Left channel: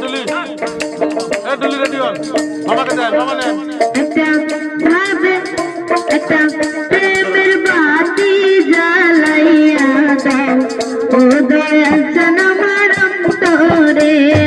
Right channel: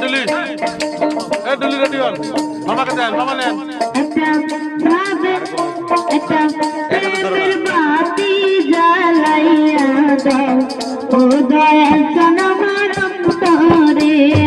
ডুলি এ ডুলি ready হন। মামাকে দেন, মামা নেন। জ্বালাইয়া দেন ও দয়া জনম তোরে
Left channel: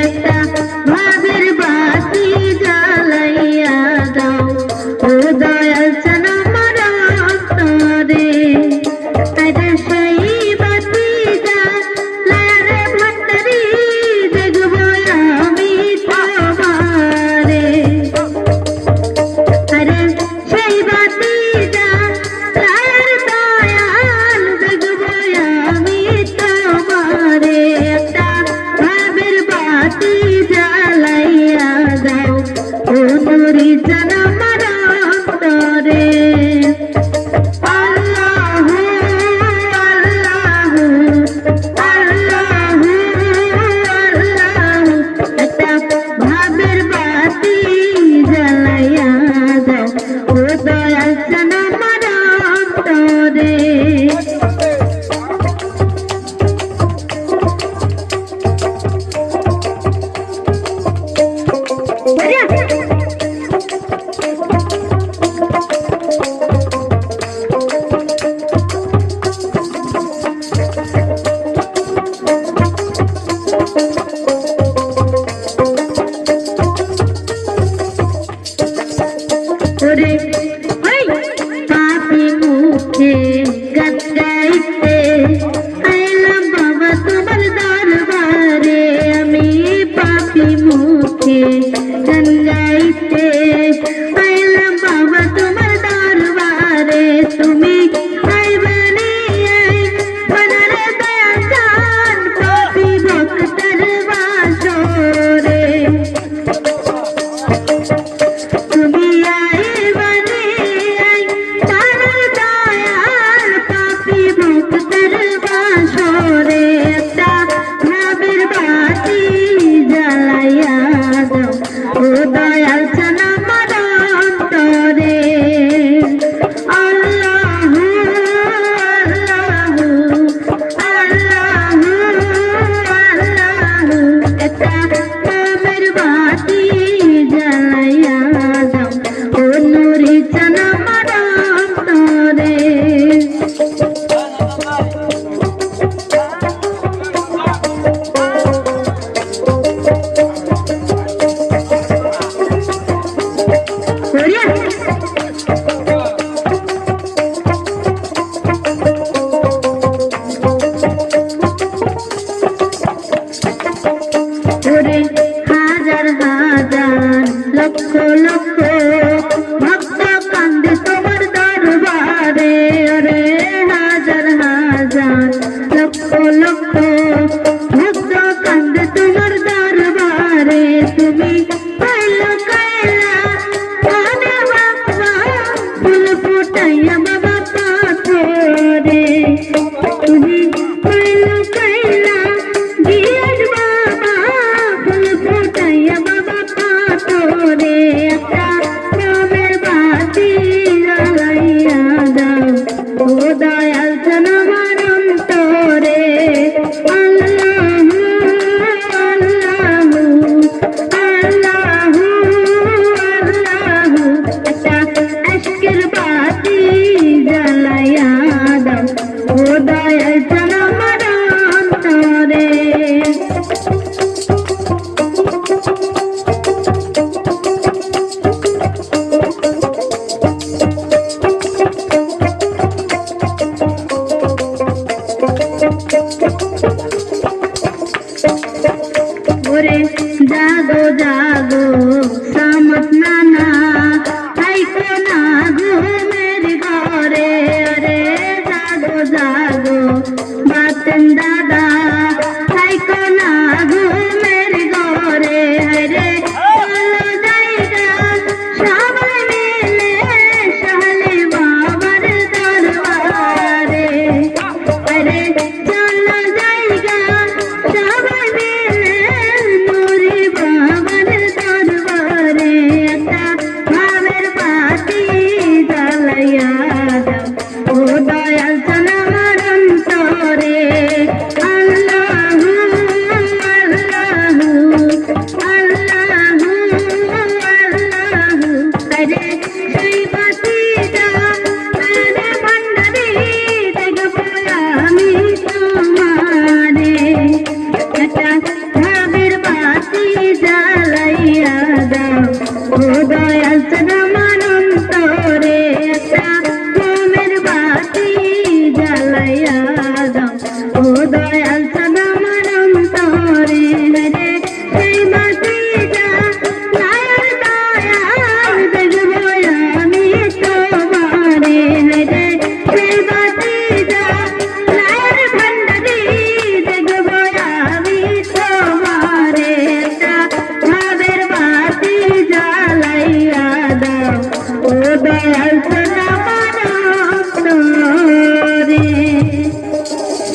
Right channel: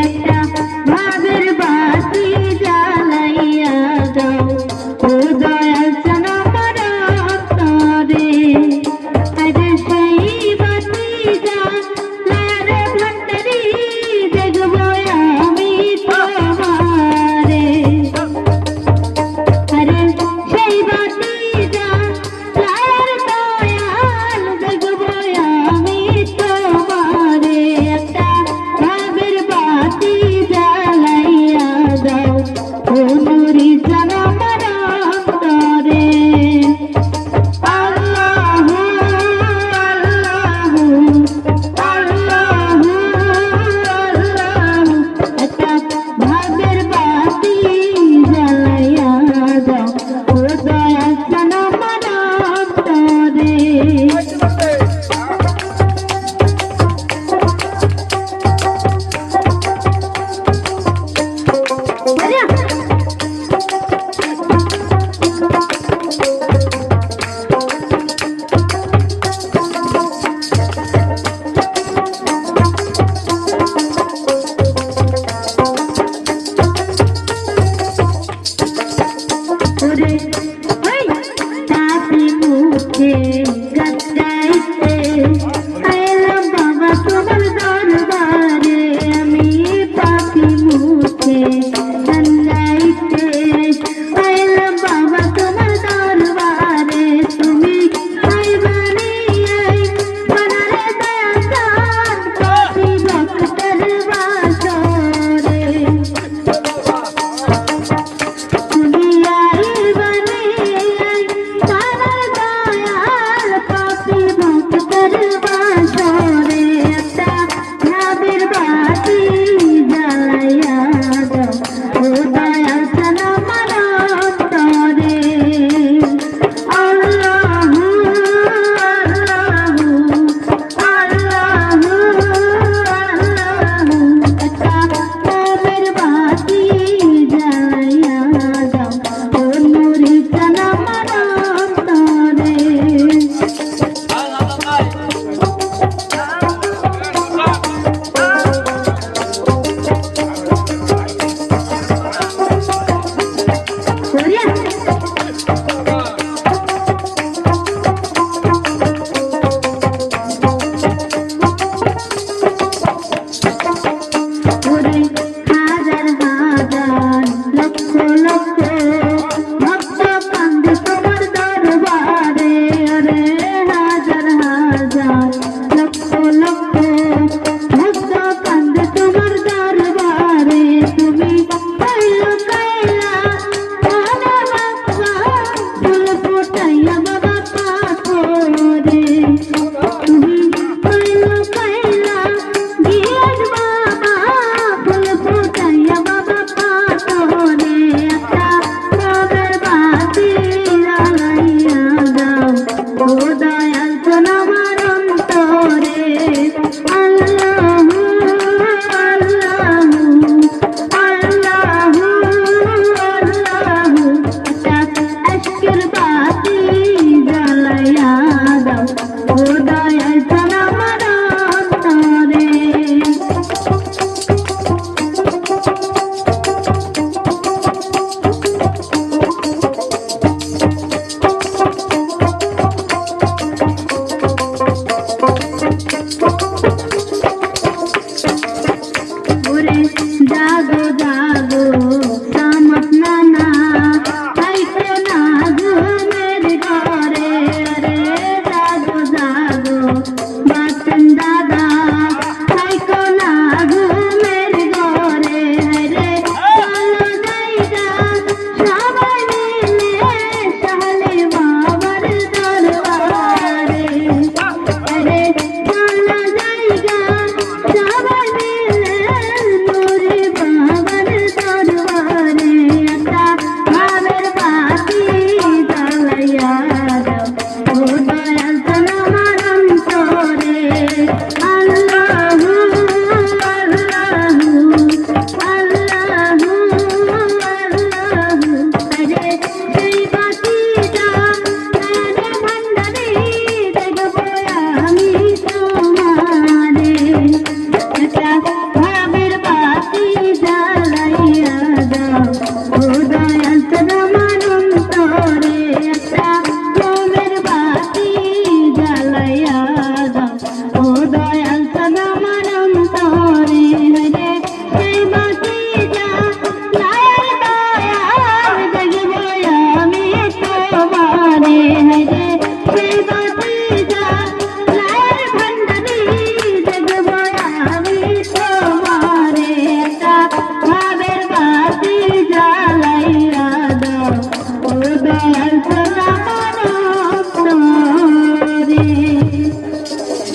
জাগো জাগো।